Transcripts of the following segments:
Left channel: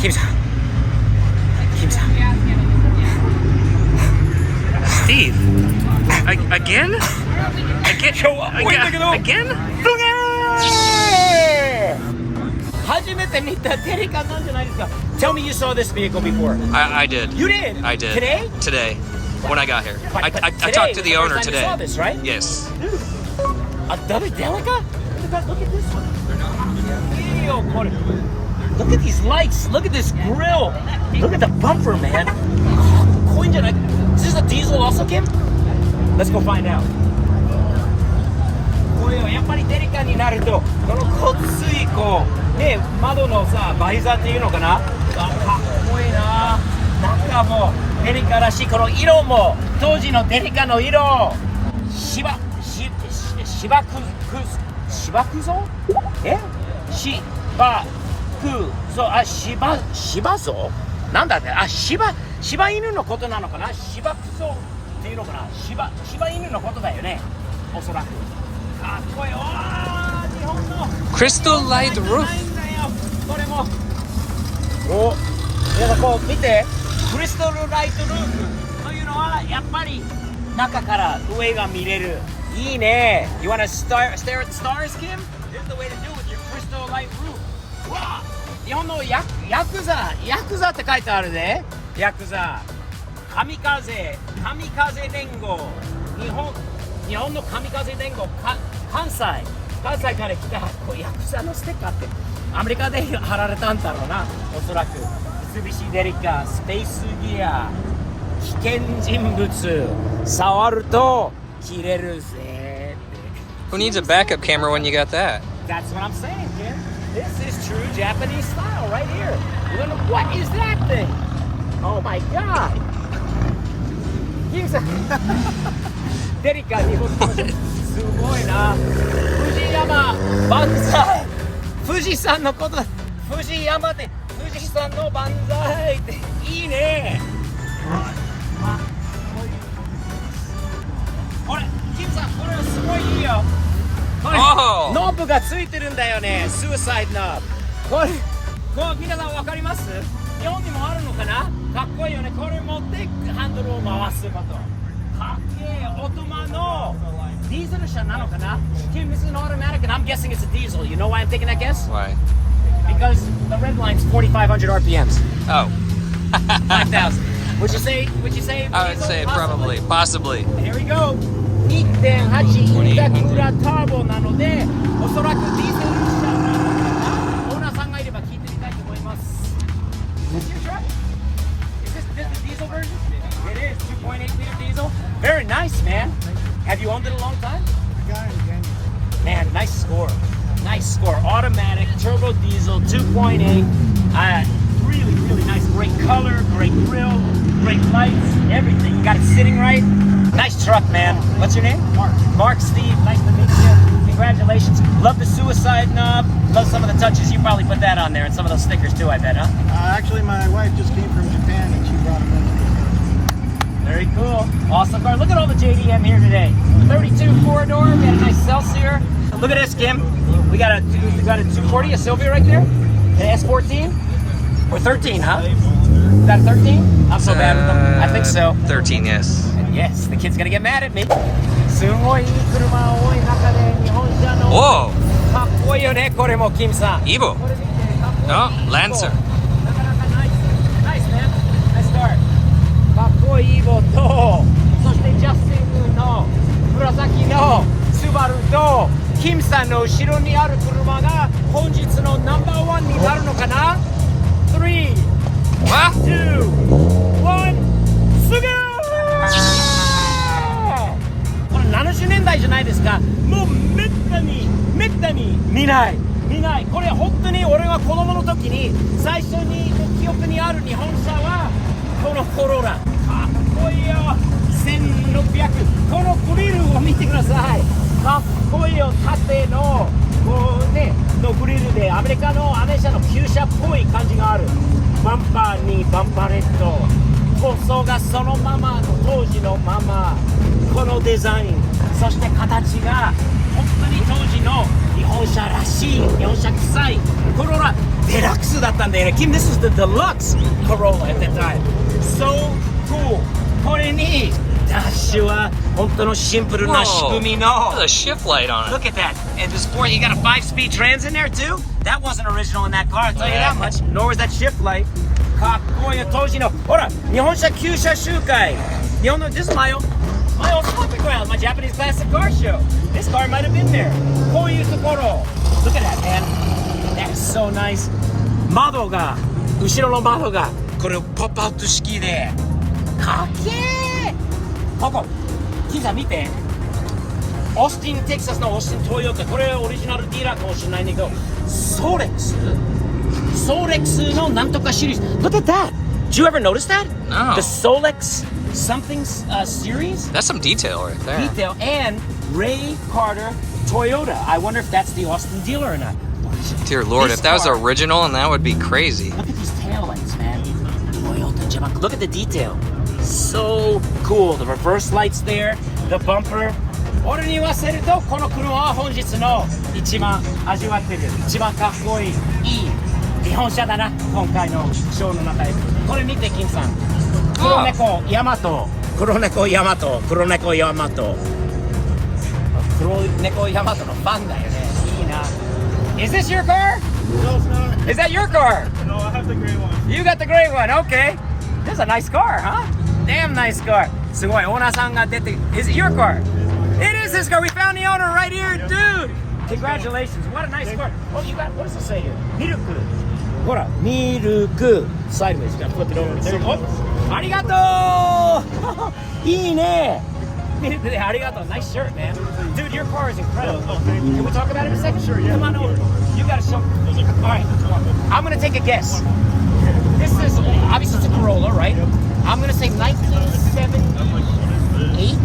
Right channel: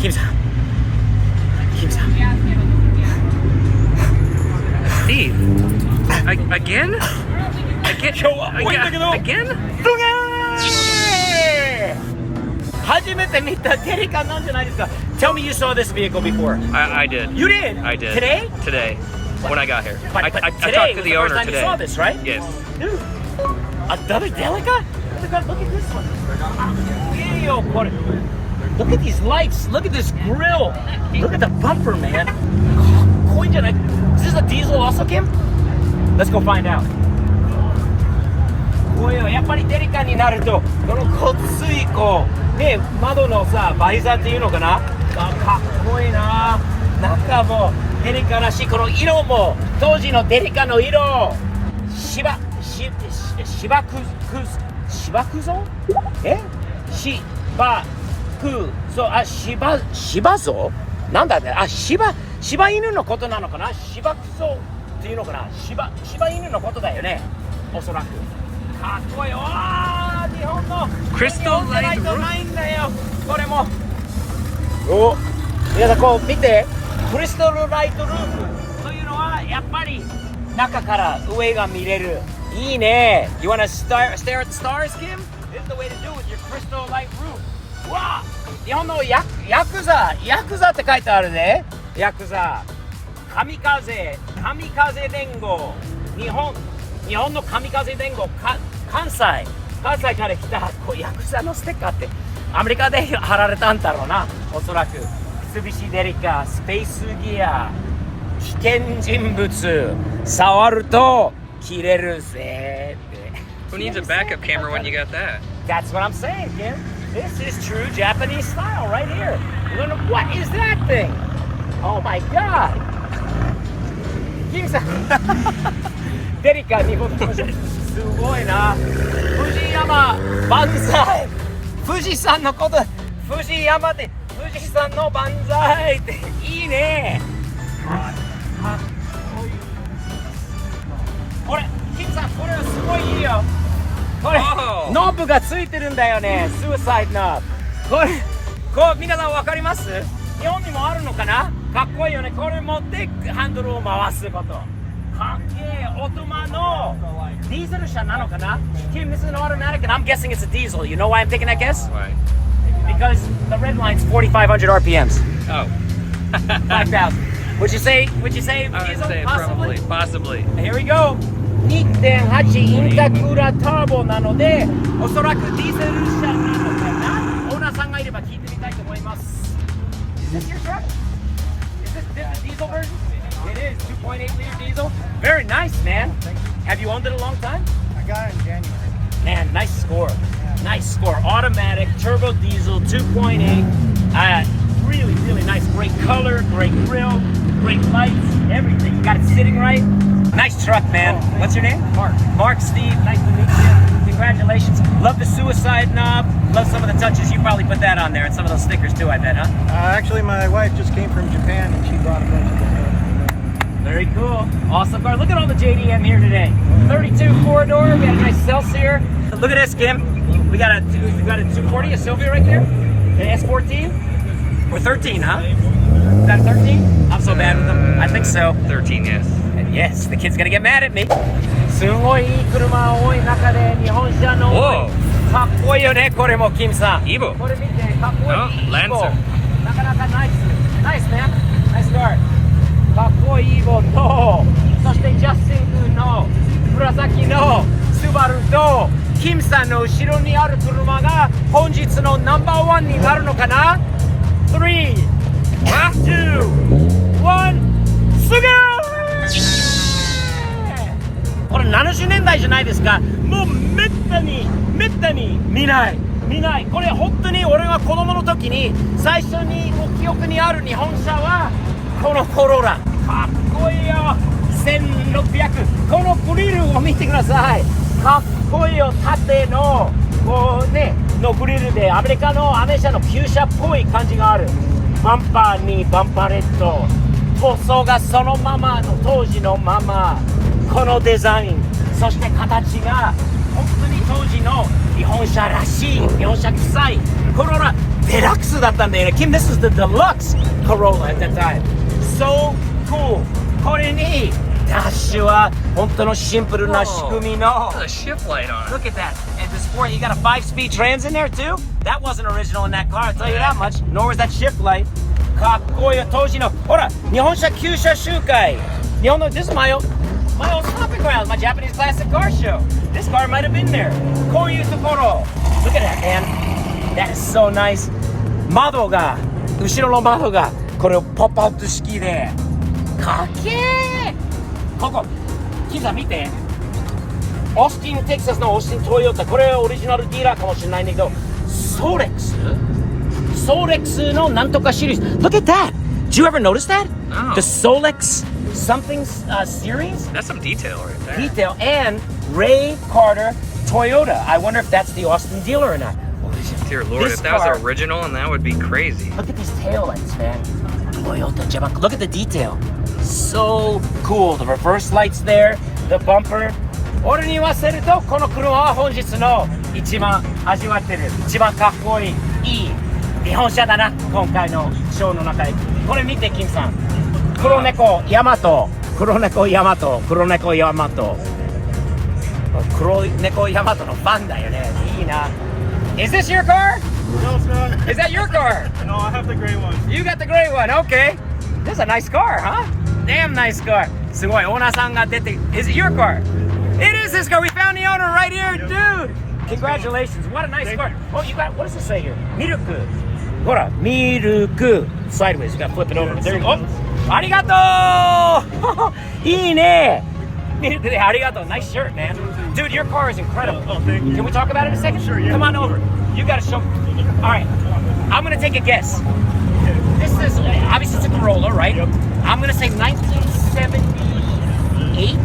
キムさん。キムさん。Steve, again? Again? 初めて見たデリカなんじゃないですか。Tell me you saw this vehicle before. I did. You did? I did. Today? Today, when I got here. But I today talked to was the the owner first time today. you saw this, right? Yes. Dude, another Delica? Look at this one. Ew, look at these lights. Look at this grill. Look at the bumper, man. Is this a diesel also, Kim? Let's go find out. こういうやっぱりデリカになるとこのごっついこうね窓のさバイザーっていうのかな、かっこいいな。なんかもうデリカらしいこの色も当時のデリカの色。芝くぞ芝ぞなんだね。柴犬のことなのかな。芝くぞっていうのかな。柴犬のことだよね、おそらく。かっこいい。日本のクリスタルライトルーフ。ないんだよこれも。お、皆さんこう見て、クリスタルライトルーフというのはやっぱり中から上が見れる。いいね。You wanna stare at the stars, Kim? This is the way to do it with your crystal light roof. わあ、日本のヤクザって書いてあるね。ヤクザ、神風連合、日本の神風連合、関西から来たこうヤクザのステッカーってアメリカで貼られたんだろうな、おそらく。三菱デリカ、スペースギア、危険人物、触ると切れるぜって。Who needs a backup camera when you got that? That's what I'm saying, Kim. This is true Japanese style right here. What is that thing? Oh my god. キムさんデリカに僕もすごいな。藤山万歳。富士山のこと、藤山で富士山の万歳っていいね。これキムさん、これはすごいいいよ。これノブがついてるんだよね。スーサイドのこう皆さん分かります？日本にもあるのかな。かっこいいよね。これ持ってハンドルを回すこと。かっけえ。オートマのディーゼル車なのかな。Kim, this is an automatic and I'm guessing it's a diesel. You know why I'm taking that guess? Why? Because the red line's 4,500 RPMs. Oh. 5,000. Would you say diesel? I would say possibly. Here we go. 2.8 インタクラターボなので、おそらくディーゼル車なのかな。オーナーさんがいれば聞いてみたいと思います。Is this your truck? Is this the diesel version? It is 2.8 liter diesel. Very nice, man. Have you owned it a long time? I got it in January. Man, nice score. Nice score. Automatic, turbo diesel, 2.8. Really, really nice. Great color, great grill, great lights, everything. You got it sitting right. Nice truck, man. What's your name? Mark. Mark, Steve. Nice to meet you. Congratulations. Love the suicide knob. Love some of the touches. You probably put that on there and some of those stickers too, I bet, huh? Actually, my wife just came from Japan and she brought a bunch of stuff. Very cool. Awesome car. Look at all the JDM here today. 32 4-door. We got a nice Celsior. Look at this, Kim. We got a 240, a Sylvia right there. An S14 or 13, huh? We got a 13. Not so bad with them. I think so. 13, yes. Yes, the kid's gonna get mad at me. すごいいい車多い中で日本車のかっこいいよね。これもキムさん。Evo. これ見てかっこいい。Lancer. なかなかナイス。ナイスね。ナイスカー。かっこいいEvoと、そしてジャスティン君の紫のスバルと、キムさんの後ろにある車が本日のナンバーワンになるのかな。3、2、1、すぐー。これ70年代じゃないですか。もうめったに見ないこれ本当に俺が子供の時に最初にもう記憶にある日本車はこのコロラ。かっこいいよ。1600。このグリルを見てください。かっこいいよ。縦のこうねのグリルでアメリカのアメ車の旧車っぽい感じがある。バンパーにバンパレット、塗装がそのままの当時のまま、このデザイン、そして形が本当に当時の日本車らしい、日本車臭い Corolla Deluxe だったんだよね。Kim, this was the deluxe Corolla at that time. So cool. これにダッシュは本当のシンプルな仕組みの。 There's a shift light on it. Look at that. And the sport, you got a 5-speed trans in there too? That wasn't original in that car, I'll tell you that much. Nor was that shift light. かっこいいよ、当時の。ほら、日本車旧車集会。日本の、this is my old stomping ground, my Japanese classic car show. This car might have been there. こういうところ。Look at that, man. That is so nice. 窓が、後ろの窓が、これをポップアウト式で。かっけー。ここ、キムさん見て。オースティン、テキサスのオースティントヨタ、これはオリジナルディーラーかもしれないんだけど、ソレックスのなんとかシリーズ。Look at that! Did you ever notice that? No. The Solex something series? That's some detail right there. Detail. And Ray Carter Toyota. I wonder if that's the Austin dealer or not. Dear Lord, This if that was car- original, and that would be crazy. Look at these tail lights, man. Toyota Japan. Look at the detail. So cool. The reverse lights there, the bumper. 俺に言わせるとこの車は本日の一番味わってる一番かっこいいいい日本車だな今回のショーの中で。これ見て金さん。黒猫ヤマト、黒猫ヤマト、黒猫ヤマト、黒猫ヤマトのファンだよね。いいな。Is this your car? No, it's not. Is that your car? No, I have the gray one. You got the gray one. Okay. This is a nice car, huh? Damn nice car. すごい。オーナーさんが出て。Is it your car? It is his car. We found the owner right here, dude. Congratulations. What a nice car. Oh, you got, what does it say here? ミルク。ほら、ミルク。Sideways. You got to flip it over. There you go. Oh, ありがとういいね。ミルクでありがとう。Nice shirt, man. Dude, your car is incredible. Oh, can we talk about it in a second? Sure, yeah. Come on over. You got to show. All right. I'm going to take a guess. This is, obviously it's a Corolla, right? Yep. I'm going to say 1978.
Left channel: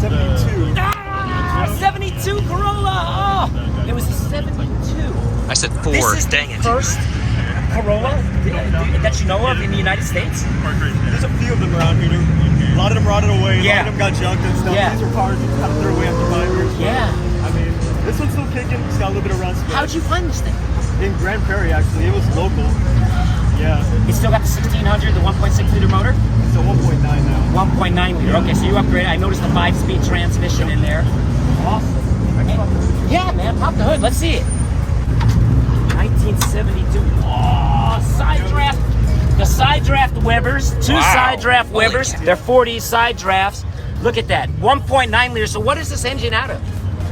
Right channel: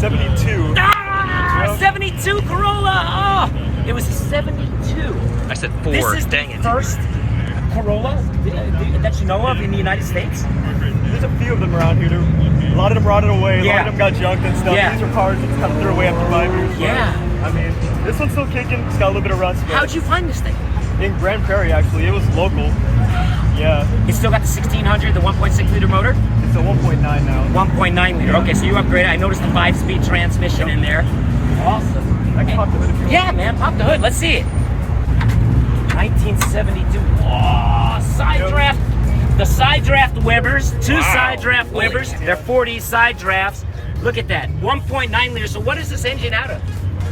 72. Ah, 72 Corolla. Oh, it was a 72. I said This 4. is Dang the it. first Corolla that you know of in the United States? There's a few of them around here. A lot of them rotted away. A Yeah. lot of them got junked and stuff. Yeah. These are cars you kind of threw away after 5 years. But, Yeah. I mean, this one's still kicking. It's got a little bit of rust. But How'd you find this thing? in Grand Prairie, actually, it was local. Yeah. It still got the 1600, the 1.6 liter motor? It's a 1.9 now. 1.9 liter. Okay, so you upgraded. I noticed the 5-speed transmission in there. Awesome. I can pop the hood if you Yeah, man, pop the hood. Let's see it. 1972. Oh, side draft. The side draft Webers. Two Wow. side draft Holy Webers. cow. They're 40 side drafts. Look at that. 1.9 liter. So what is this engine out of?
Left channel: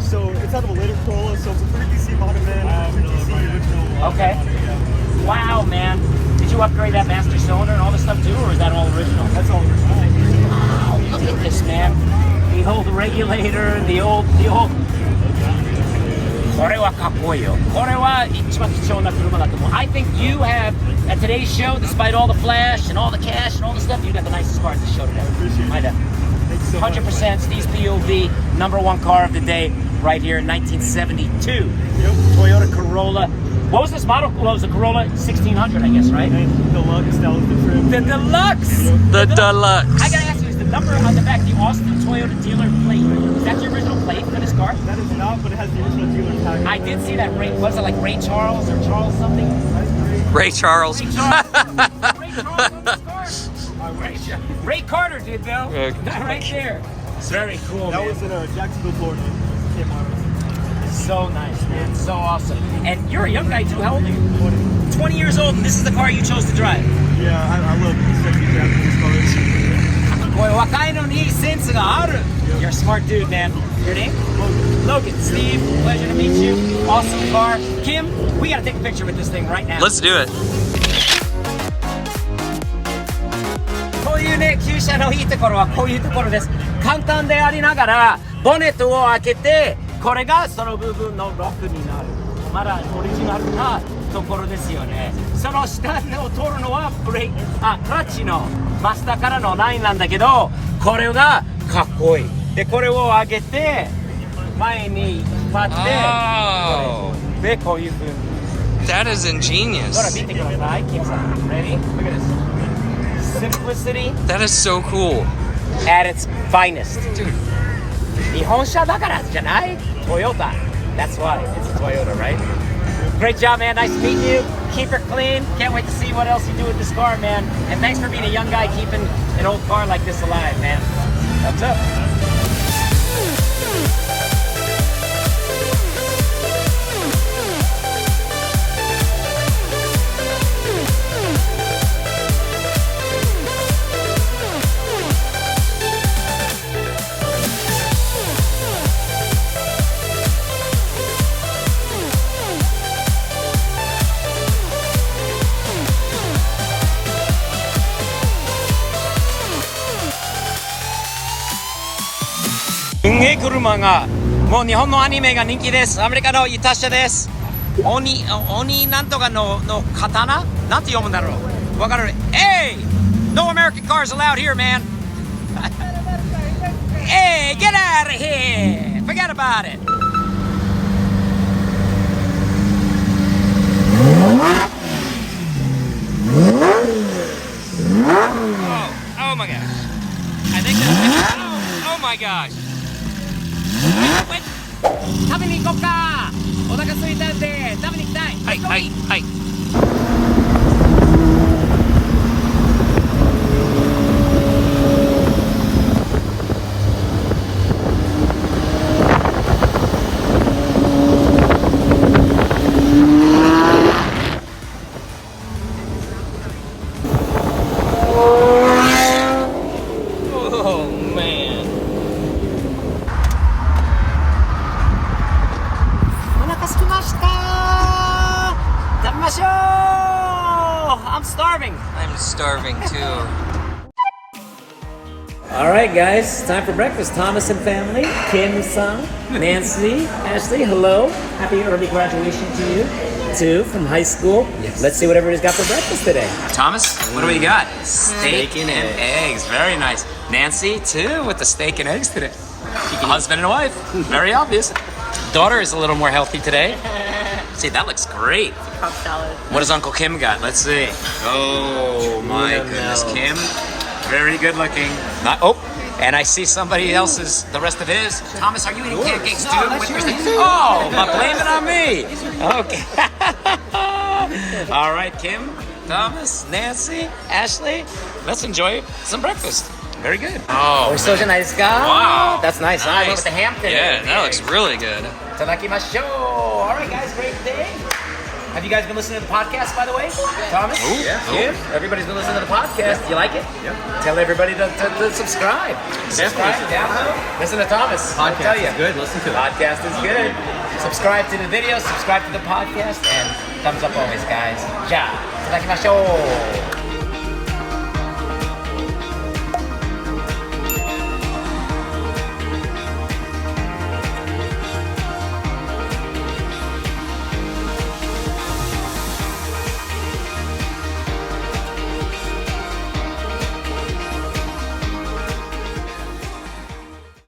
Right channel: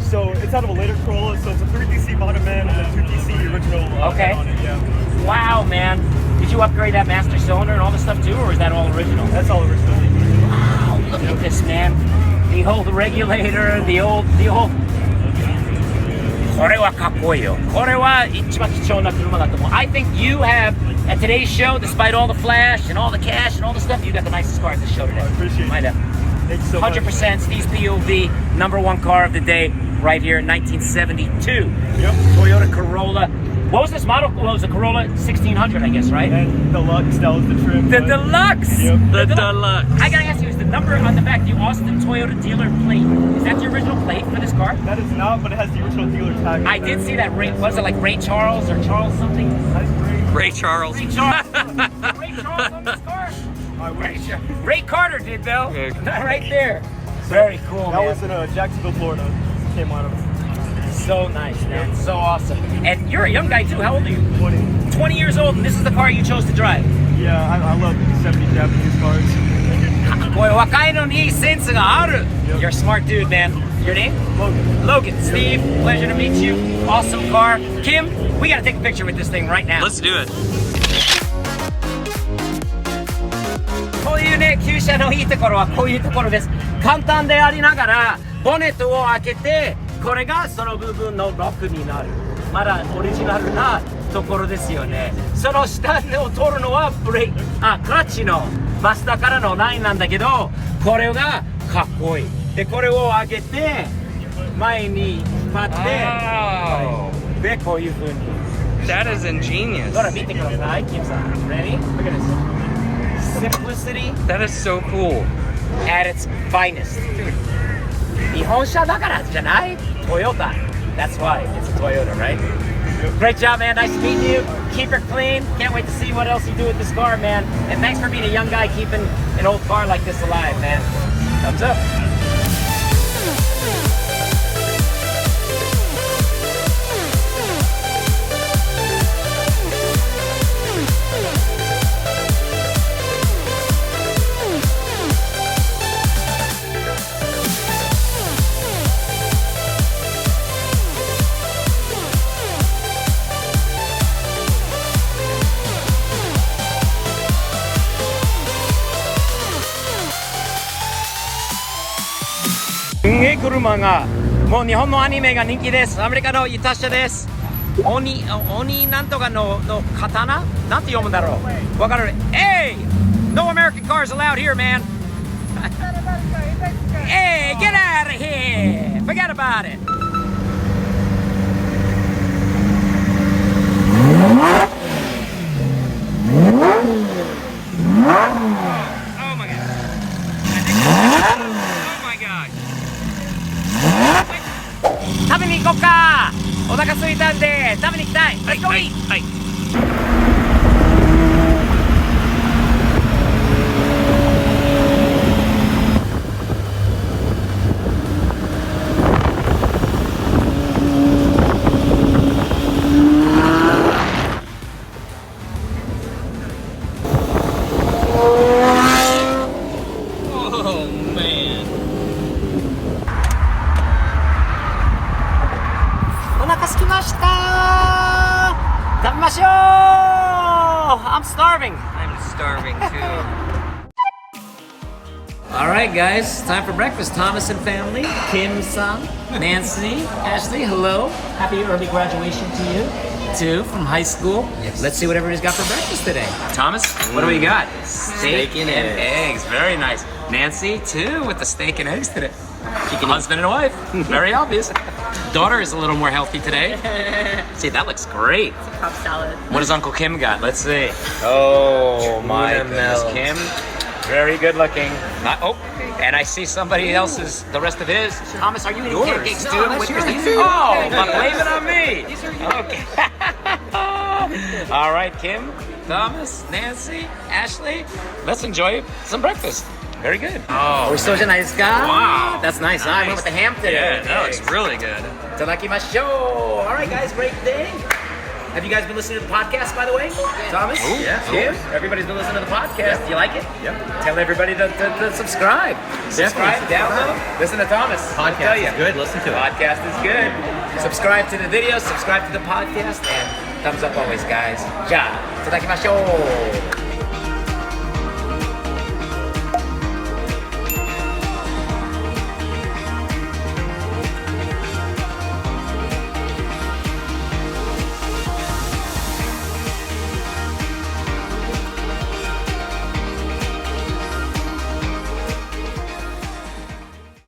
So it's out of a later Corolla, so it's a 3PC Monoman and a 3PC original. Okay. On it, yeah. Wow, man. Did you upgrade that master cylinder and all this stuff too, or is that all original? That's all original. Wow, look at this, man. The old regulator, the old. これはかっこいいよ。これは一番貴重な車だと思う。I think you have, at today's show, despite all the flash and all the cash and all the stuff, you got the nicest car at the show today. Appreciate it. Might have. Thank you so much. 100% Steve's POV, #1 car of the day, right here in 1972. Yep. Toyota Corolla. What was this model? Well, it was a Corolla 1600, I guess, right? And Deluxe, that was the trim. The but- Deluxe! Yep. The Deluxe. I gotta ask you, is the number on the back the Austin Toyota dealer plate? Is that the original plate for this car? That is not, but it has the original dealer tag. I did see that. Was it like Ray Charles or Charles something? Ray Charles. Ray Charles. Ray Charles on this car. I wish. Ray Carter did though. Yeah. Right there. Very cool, That man. was in Jacksonville, Florida. Came out of So nice, man. So awesome. And you're a young guy too. How old are you? 20. 20 years old, and this is the car you chose to drive. Yeah, I love 70 Japanese cars. これ若いのにセンスがある. You're a smart dude, man. Your name? Logan. Logan. Steve, pleasure to meet you. Awesome car. Kim, we gotta take a picture with this thing right now. Let's do it. こういうね、旧車のいいところはこういうところです。簡単でありながら、ボネットを開けて、これがその部分のロックになる。まだオリジナルなところですよね。その下を通るのはクラッチのマスターからのラインなんだけど、これがかっこいい。で、これを上げて、前に引っ張って、で、こういう風に。 That is ingenious. ほら、見てください、キムさん。Ready? Look at this. Simplicity That is so cool. at its finest. Dude. 日本車だからじゃない？トヨタ。That's why it's a Toyota, right? Great job, man. Nice meeting you. Keep it clean. Can't wait to see what else you do with this car, man. And thanks for being a young guy keeping an old car like this alive, man. Thumbs up.車がもう日本のアニメが人気です。アメリカのイタシャです。鬼なんとかの刀なんて読むんだろう。わかる。Hey! No American cars allowed here, man. Hey, get out of here! Forget about it. Oh my gosh. I think oh my gosh. 食べに行こうか。お腹空いたんで食べに行きたい。はいはいはい。I'm starving. I'm starving too. All right, guys, time for breakfast. Thomas and family, Kim-san, Nancy, Ashley, hello. Happy early graduation to you, too, from high school. Yes. Let's see what everybody's got for breakfast today. Thomas, what do we got? Steak and eggs. Very nice. Nancy, too, with the steak and eggs today. Husband and wife. Very obvious. Daughter is a little more healthy today. See, that looks great. Salad. What does Uncle Kim got? Let's see. Oh my goodness, Kim. Very good looking. And I see somebody else's, the rest of his. Thomas, are you eating pancakes too? With your oh, but blame it on me. Okay. All right, Kim, Thomas, Nancy, Ashley. Let's enjoy some breakfast. Very good. Oh, we're so nice, guy. Wow. That's nice. I went with the ham today. Yeah, that looks really good. Itadakimashou. All right, guys, great day. Have you guys been listening to the podcast, by the way? Thomas? Ooh, Yeah. Everybody's been listening to the podcast. Yeah. Do you like it? Yeah. Tell everybody to subscribe. Subscribe, download, listen to Thomas. I'll tell Podcast you. is good. Listen to it. Podcast is good. Subscribe to the video, subscribe to the podcast, and thumbs up always, guys. Ja, itadakimashou.